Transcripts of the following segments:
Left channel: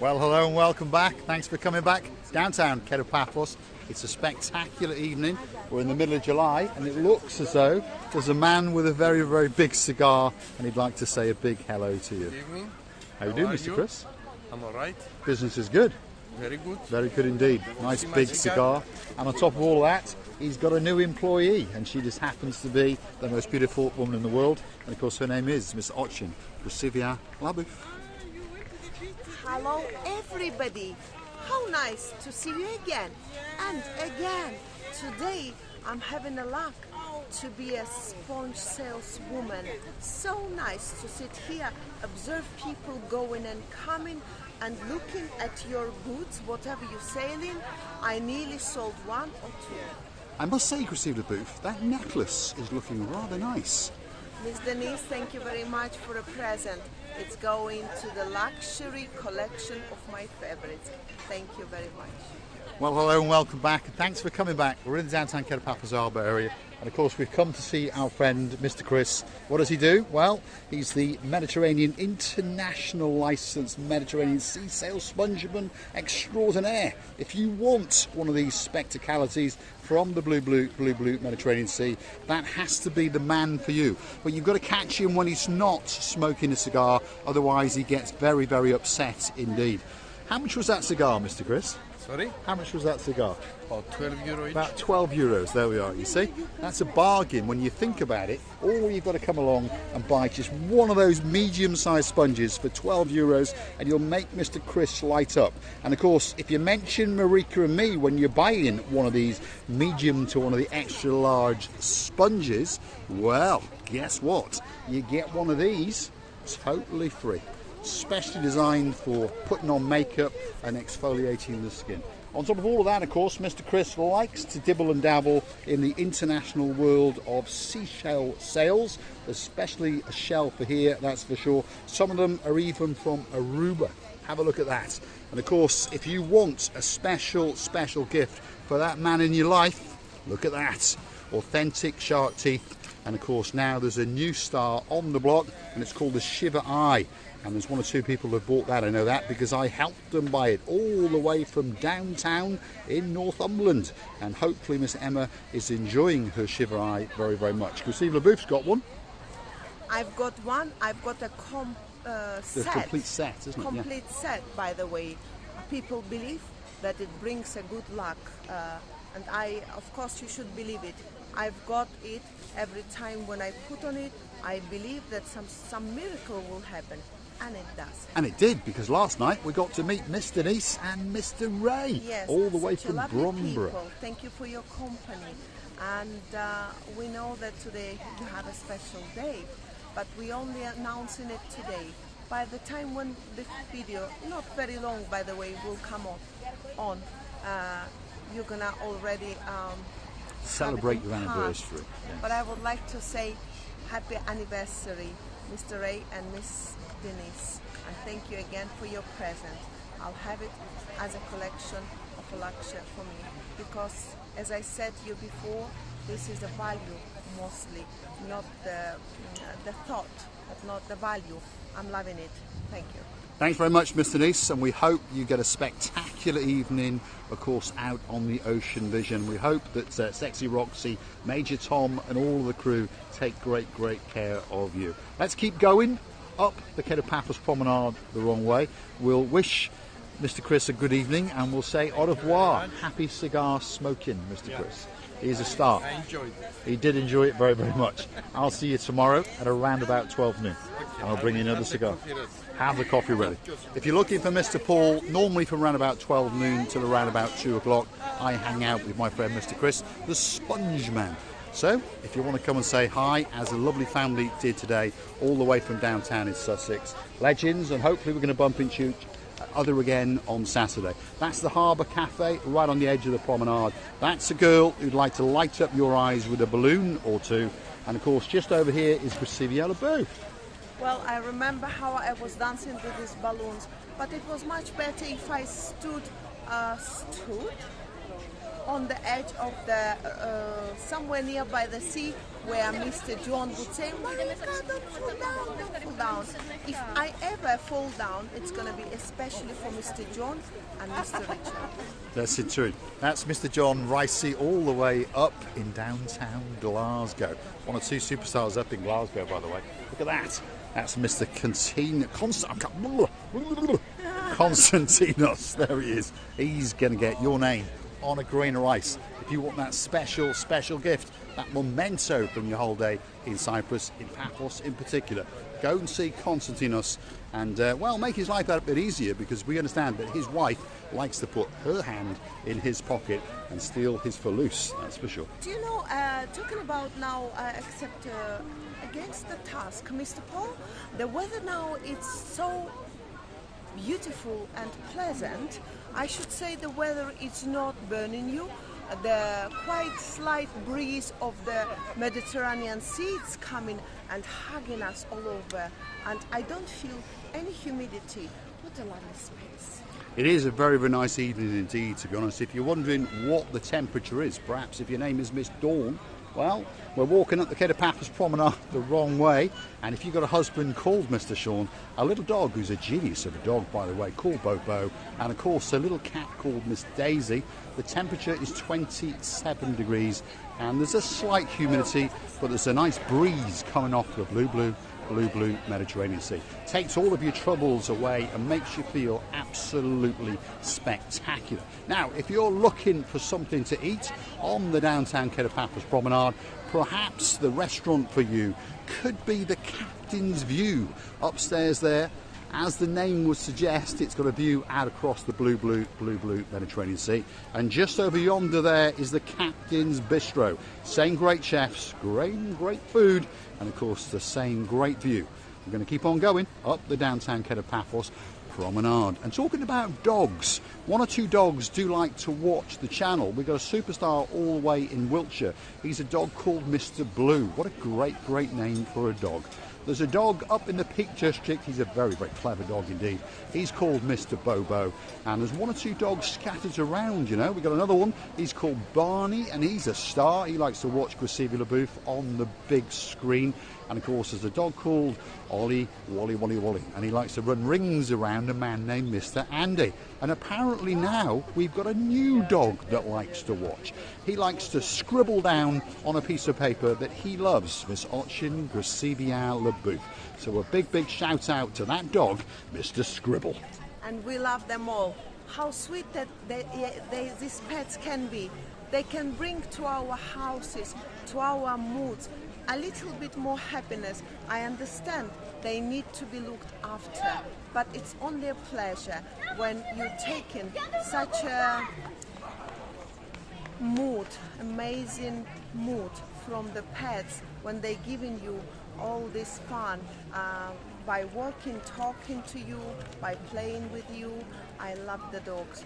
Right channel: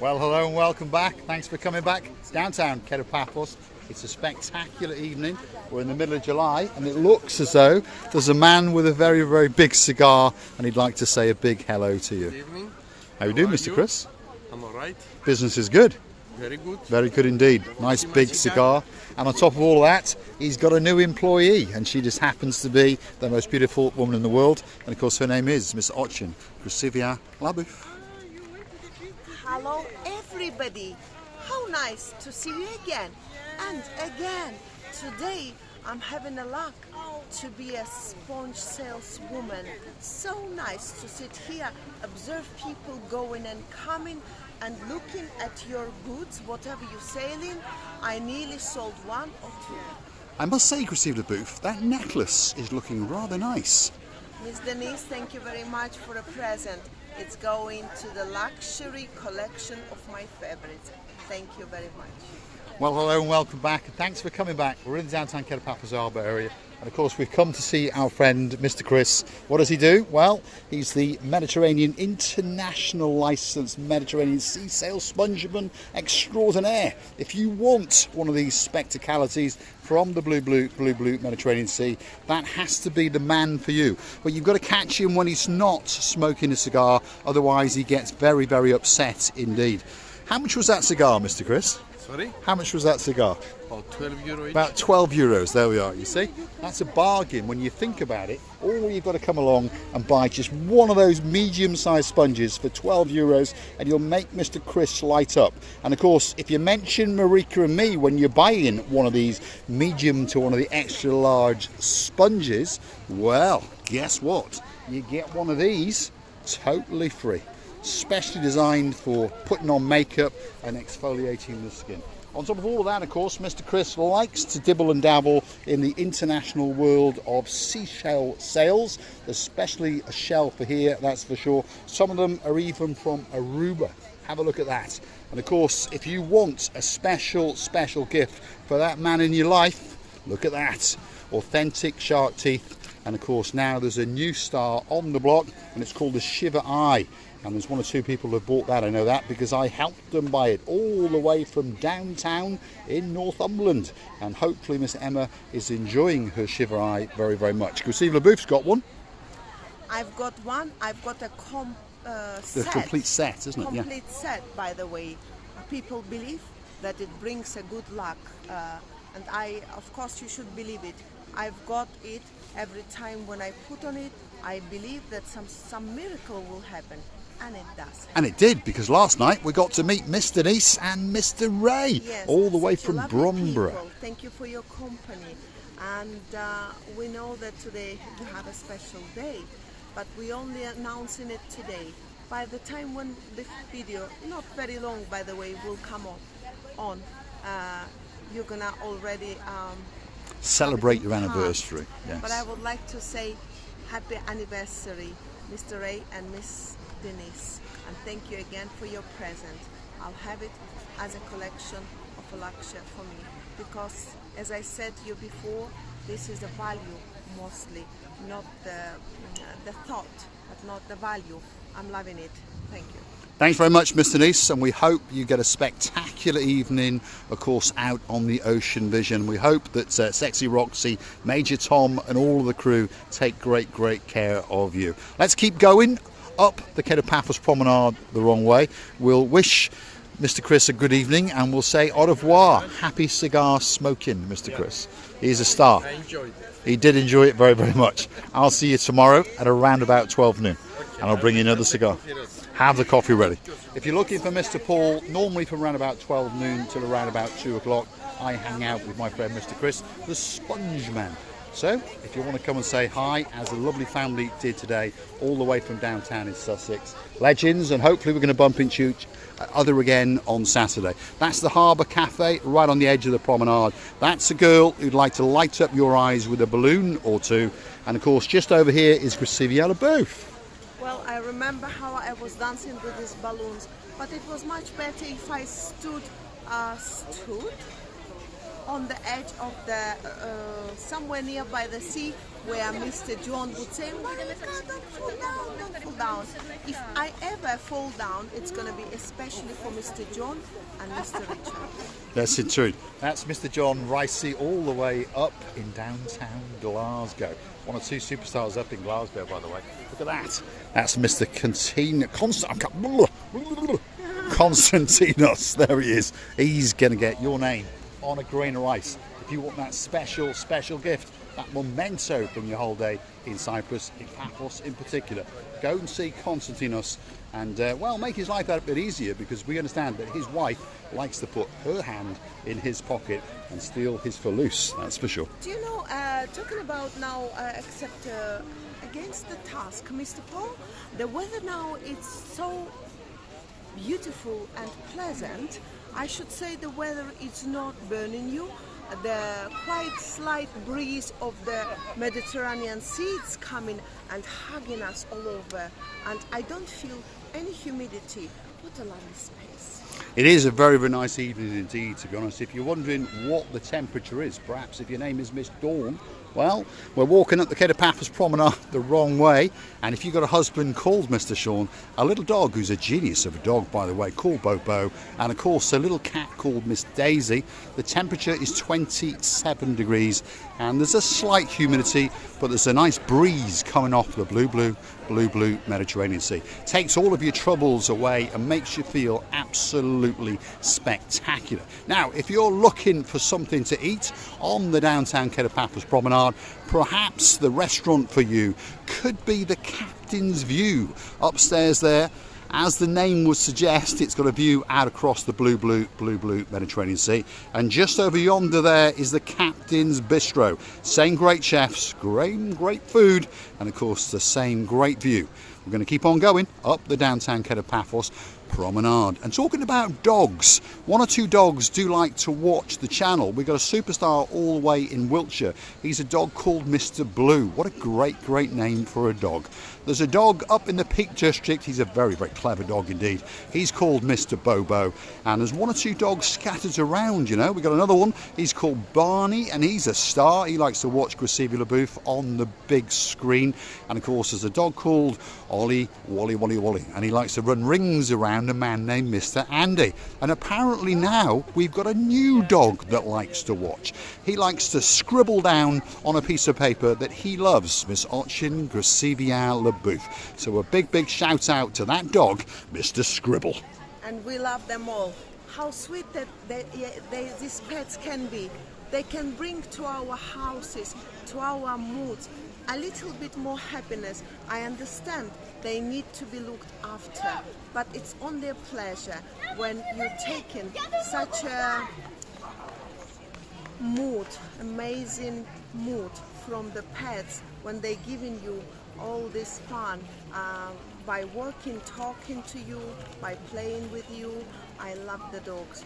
Well, hello and welcome back. Thanks for coming back. Downtown Paphos. It's a spectacular evening. We're in the middle of July and it looks as though there's a man with a very, very big cigar and he'd like to say a big hello to you. Good evening. How you doing, Mr. Chris? I'm all right. Business is good. Very good. Very good indeed. Nice big cigar. And on top of all that, he's got a new employee and she just happens to be the most beautiful woman in the world. And of course her name is Miss Ochin Rusivia Labouf. Hello everybody. How nice to see you again and again. Today I'm having a luck to be a sponge saleswoman. So nice to sit here, observe people going and coming and looking at your goods, whatever you're selling. I nearly sold one or two. I must say, Rusivia Labouf, that necklace is looking rather nice. Miss Denise, thank you very much for a present. It's going to the luxury collection of my favorites. Thank you very much. Well, hello and welcome back. Thanks for coming back. We're in the downtown Paphos Harbour area. And of course, we've come to see our friend, Mr. Chris. What does he do? Well, he's the Mediterranean International Licensed Mediterranean Sea Sail Spongeman Extraordinaire. If you want one of these spectacalities from the blue Mediterranean Sea, that has to be the man for you. But you've got to catch him when he's not smoking a cigar, otherwise he gets very, very upset indeed. How much was that cigar, Mr. Chris? Sorry? How much was that cigar? About 12 euro each. About 12 euros, there we are, you see. That's a bargain when you think about it. All you've got to come along and buy just one of those medium-sized sponges for 12 euros and you'll make Mr. Chris light up. And of course, if you mention Marika and me when you're buying one of these medium to one of the extra large sponges, well, guess what? You get one of these totally free. Specially designed for putting on makeup and exfoliating the skin. On top of all of that, of course, Mr. Chris likes to dibble and dabble in the international world of seashell sails, especially a shell for here, that's for sure. Some of them are even from Aruba. Have a look at that. And of course, if you want a special gift for that man in your life, look at that. Authentic shark teeth. And of course, now there's a new star on the block and it's called the Shiver Eye. And there's one or two people who have bought that, I know that, because I helped them buy it all the way from downtown in Northumberland. And hopefully Miss Emma is enjoying her Shiver Eye very, very much. Rusivia Labouf's got one. I've got one. I've got a set. A complete set, isn't it? Complete set, by the way. People believe that it brings a good luck. And of course, you should believe it. I've got it every time when I put on it. I believe that some miracle will happen. And it does. And it did, because last night we got to meet Miss Denise and Mr. Ray, yes, all the way such from lovely Bromborough. People. Thank you for your company. And we know that today you have a special day, but we're only announcing it today. By the time when the video, not very long by the way, will come on you're gonna already celebrate your anniversary. Yes. But I would like to say happy anniversary, Mr. Ray and Miss Denise, and thank you again for your present. I'll have it as a collection of a luxury for me, because as I said to you before, this is a value mostly, not the thought, but not the value. I'm loving it. Thank you. Thanks very much, Miss Denise, and we hope you get a spectacular evening, of course, out on the Ocean Vision. We hope that Sexy Roxy, Major Tom and all of the crew take great care of you. Let's keep going up the Paphos Promenade the wrong way. We'll wish Mr. Chris a good evening and we'll say au revoir. Happy cigar smoking, Mr. Chris. He's a star. I enjoyed it. He did enjoy it very, very much. I'll see you tomorrow at around about 12 noon. And I'll bring you another cigar. Have the coffee ready. If you're looking for Mr. Paul, normally from around about 12 noon till around about 2 o'clock, I hang out with my friend Mr. Chris, the Sponge Man. So, if you want to come and say hi, as a lovely family did today, all the way from downtown in Sussex, legends, and hopefully we're going to bump into other again on Saturday. That's the Harbour Cafe, right on the edge of the promenade. That's a girl who'd like to light up your eyes with a balloon or two. And of course, just over here is Rusivia Labouf. Well, I remember how I was dancing with these balloons, but it was much better if I stood on the edge of the somewhere nearby the sea, where Mr. John would say, "Monica, don't fall down, don't fall down." If I ever fall down, it's going to be especially for Mr. John and Mr. Richard. That's it, true. That's Mr. John Ricey all the way up in downtown Glasgow. One of two superstars up in Glasgow, by the way. Look at that. That's Mr. Constantinos. There he is. He's going to get your name on a grain of rice. If you want that special, special gift, that memento from your whole day in Cyprus, in Paphos in particular, go and see Constantinos and, well, make his life a bit easier, because we understand that his wife likes to put her hand in his pocket and steal his falloose, that's for sure. Do you know, talking about now, except against the task, Mr. Paul, the weather now is so beautiful and pleasant. I should say the weather is not burning you. The quite slight breeze of the Mediterranean Sea is coming and hugging us all over, and I don't feel any humidity. What a lovely space. It is a very, very nice evening indeed, to be honest. If you're wondering what the temperature is, perhaps if your name is Miss Dawn, well, we're walking up the Paphos Promenade the wrong way, and if you've got a husband called Mr. Sean, a little dog who's a genius of a dog, by the way, called Bobo, and of course a little cat called Miss Daisy, the temperature is 27 degrees, and there's a slight humidity, but there's a nice breeze coming off the blue Mediterranean Sea. Takes all of your troubles away and makes you feel absolutely spectacular. Now, if you're looking for something to eat on the downtown Paphos Promenade, perhaps the restaurant for you could be the Captain's View upstairs there. As the name would suggest, it's got a view out across the blue Mediterranean Sea. And just over yonder there is the Captain's Bistro. Same great chefs, great food, and of course the same great view. We're going to keep on going up the downtown Paphos Promenade. And talking about dogs, one or two dogs do like to watch the channel. We've got a superstar all the way in Wiltshire. He's a dog called Mr. Blue. What a great name for a dog. There's a dog up in the Peak District. He's a very clever dog indeed. He's called Mr. Bobo. And there's one or two dogs scattered around, you know. We've got another one. He's called Barney, and he's a star. He likes to watch Graciela LaBouffe on the big screen. And of course, there's a dog called Ollie, Wally. And he likes to run rings around a man named Mr. Andy. And apparently now we've got a new dog that likes to watch. He likes to scribble down on a piece of paper that he loves, Miss Ochin Graciela LaBouffe. So a big shout out to that dog, Mr. Scribble. And we love them all. How sweet that these pets can be. They can bring to our houses, to our moods, a little bit more happiness. I understand they need to be looked after, but it's on their pleasure when you're taking such a mood, amazing mood from the pets, when they're giving you all this fun by working, talking to you, by playing with you. I love the dogs.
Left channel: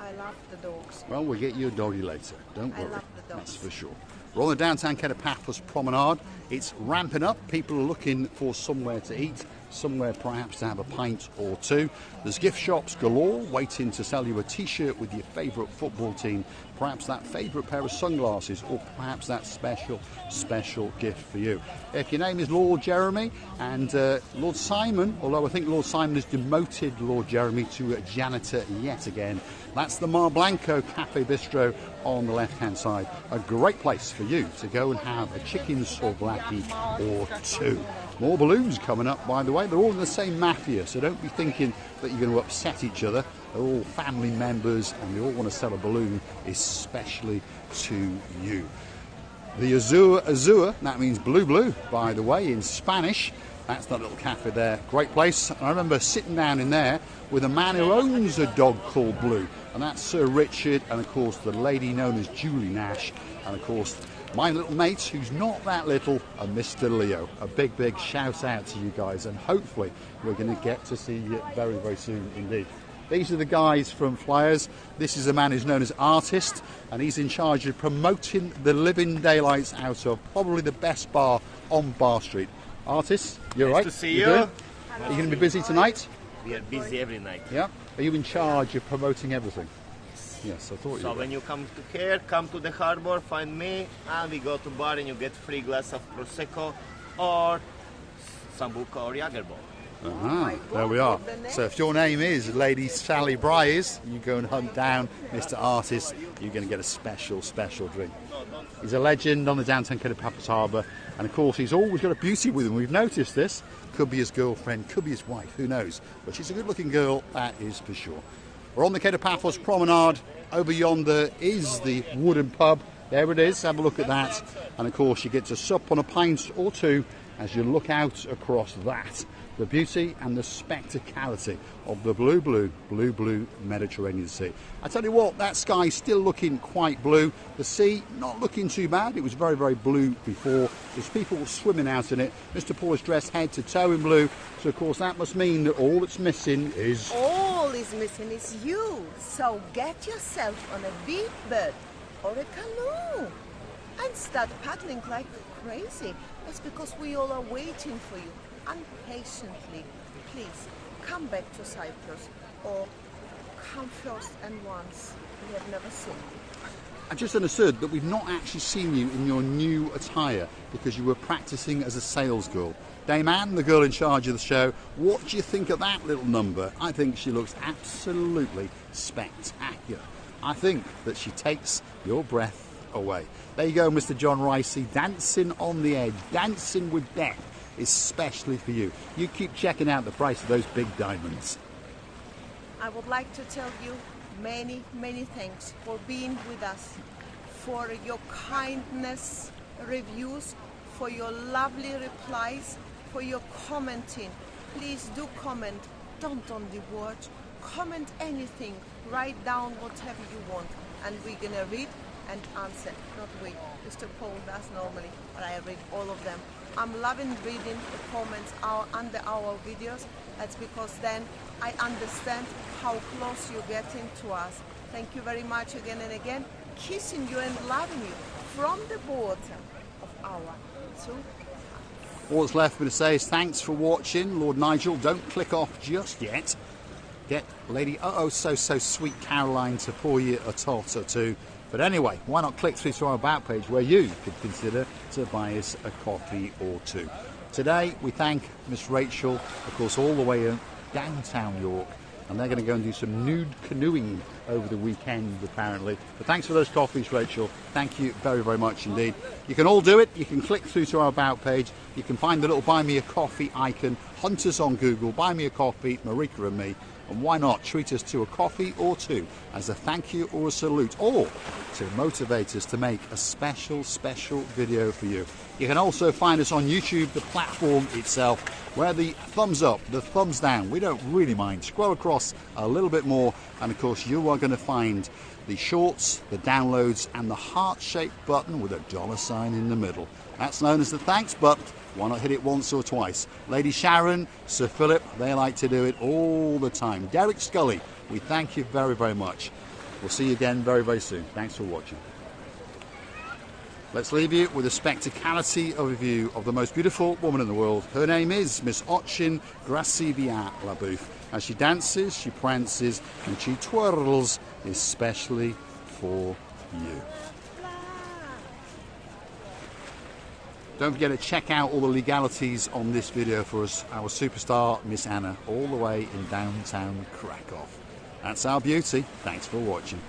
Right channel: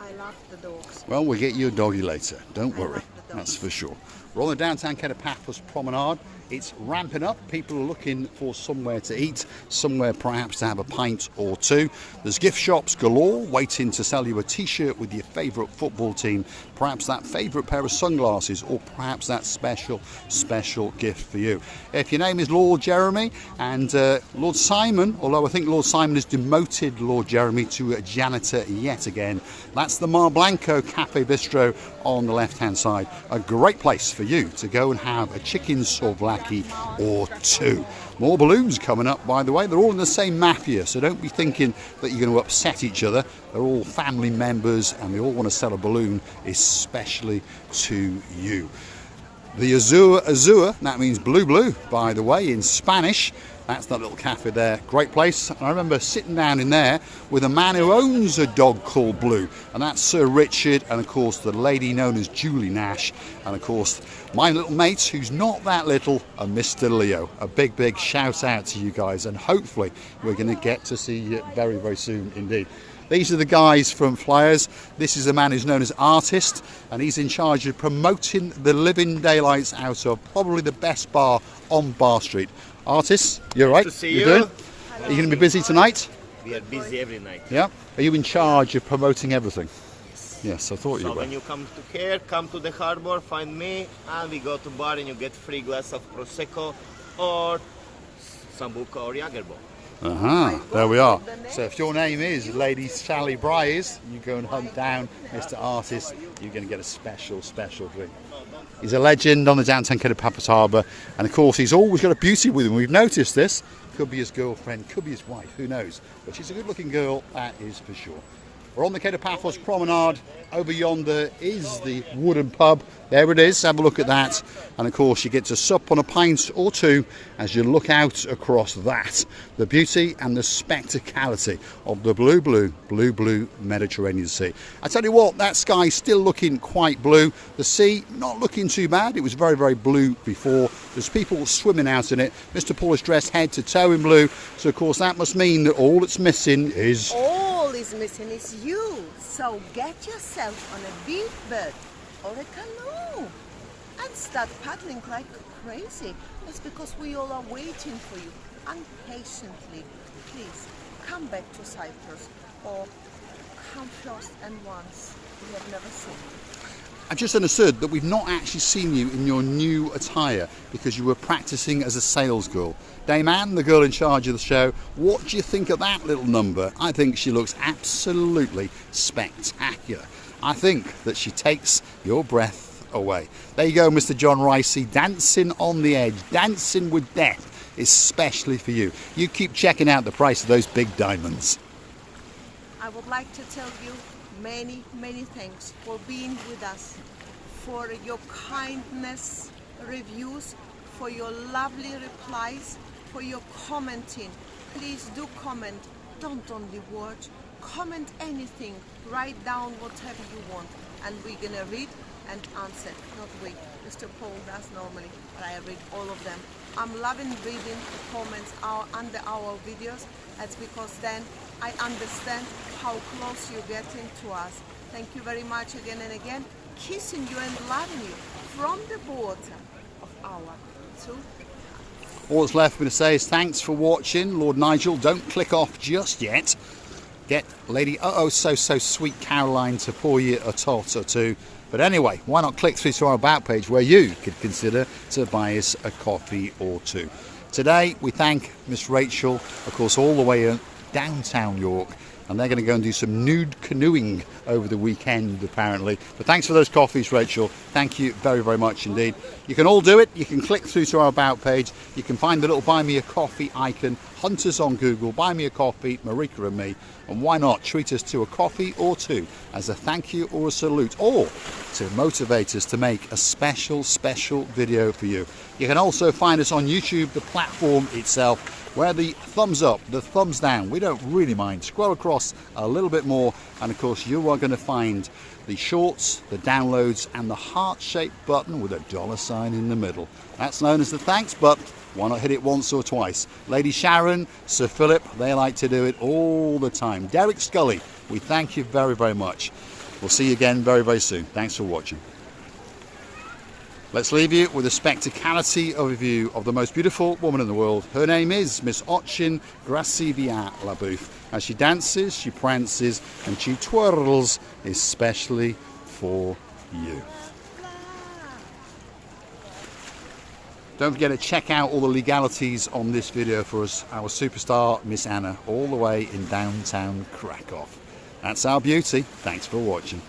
I love the dogs. Well, we'll get you a doggy later. Don't worry. love the dogs. That's for sure. We're on the downtown Paphos Promenade. It's ramping up. People are looking for somewhere to eat, somewhere perhaps to have a pint or two. There's gift shops galore waiting to sell you a t-shirt with your favourite football team, perhaps that favourite pair of sunglasses, or perhaps that special gift for you. If your name is Lord Jeremy and Lord Simon, although I think Lord Simon has demoted Lord Jeremy to a janitor yet again, that's the Mar Blanco Cafe Bistro on the left-hand side. A great place for you to go and have a chicken souvlaki or two. More balloons coming up, by the way. They're all in the same mafia, so don't be thinking that you're going to upset each other. They're all family members, and they all want to sell a balloon especially to you. The Azur, that means blue, by the way, in Spanish. That's that little cafe there. Great place. I remember sitting down in there with a man who owns a dog called Blue, and that's Sir Richard, and of course the lady known as Julie Nash, and of course my little mate who's not that little, and Mr. Leo. A big shout out to you guys, and hopefully we're going to get to see you very soon indeed. These are the guys from Flyers. This is a man who's known as Artist, and he's in charge of promoting the living daylights out of probably the best bar on Bar Street. Artists, you're right. To see you. you. Are you going to be busy tonight? We are busy every night. Yeah. Are you in charge of promoting everything? Yes, I thought you So were. when you come to here, come to the harbor, find me, and we go to bar and you get free glass of Prosecco or Sambuca or Jagerbomb. There we are. So if your name is Lady Sally Bryers, you go and hunt down Mr. Artist, you're going to get a special drink. He's a legend on the downtown Cape of Paphos Harbour, and of course he's always got a beauty with him. We've noticed this. Could be his girlfriend, could be his wife, who knows. But she's a good looking girl, that is for sure. We're on the Cape of Paphos Promenade. Over yonder is the wooden pub. There it is, have a look at that. And of course you get to sup on a pint or two as you look out across that. The beauty and the spectacality of the blue Mediterranean Sea. I tell you what, that sky's still looking quite blue. The sea not looking too bad. It was very blue before. There's people swimming out in it. Mr. Paul is dressed head to toe in blue. So of course that must mean that all that's missing is... All is missing is you. So get yourself on a big boat or a canoe and start paddling like crazy. That's because we all are waiting for you impatiently. Please come back to Cyprus or come first and once. We have never seen you. I just understood that we've not actually seen you in your new attire because you were practicing as a sales girl. Dame Anne, the girl in charge of the show, what do you think of that little number? I think she looks absolutely spectacular. I think that she takes your breath away. There you go, Mr. John Ricey, dancing on the edge, dancing with death, especially for you. You keep checking out the price of those big diamonds. I would like to tell you many thanks for being with us, for your kindness reviews, for your lovely replies, for your commenting. Please do comment, don't only watch. Comment anything, write down whatever you want, and we're gonna read and answer. Not we, Mr. Paul does normally, but I read all of them. I'm loving reading the comments under our videos. That's because then I understand how close you're getting to us. Thank you very much again and again. Kissing you and loving you from the bottom of our two hearts. All that's left for me to say is thanks for watching. Lord Nigel, don't click off just yet. Get Lady so sweet Caroline to pour you a tot or two. But anyway, why not click through to our About page where you could consider to buy us a coffee or two. Today we thank Miss Rachel, of course, all the way in downtown York, and they're going to go and do some nude canoeing over the weekend apparently. But thanks for those coffees, Rachel. Thank you very much indeed. You can all do it. You can click through to our About page. You can find the little buy me a coffee icon, hunt us on Google, buy me a coffee, Marika and me, and why not treat us to a coffee or two as a thank you or a salute, or to motivate us to make a special video for you. You can also find us on YouTube, the platform itself, where the thumbs up, the thumbs down, we don't really mind. Scroll across a little bit more, and of course you are going to find the shorts, the downloads, and the heart-shaped button with a $ in the middle. That's known as the thanks, but why not hit it once or twice? Lady Sharon, Sir Philip, they like to do it all the time. Derek Scully, we thank you very much. We'll see you again very soon. Thanks for watching. Let's leave you with a spectacality overview of the most beautiful woman in the world. Her name is Miss Ochin Gracivia Labouf. As she dances, she prances, and she twirls, especially for you. Don't forget to check out all the legalities on this video for us, our superstar Miss Anna, all the way in downtown Krakow. That's our beauty. Thanks for watching.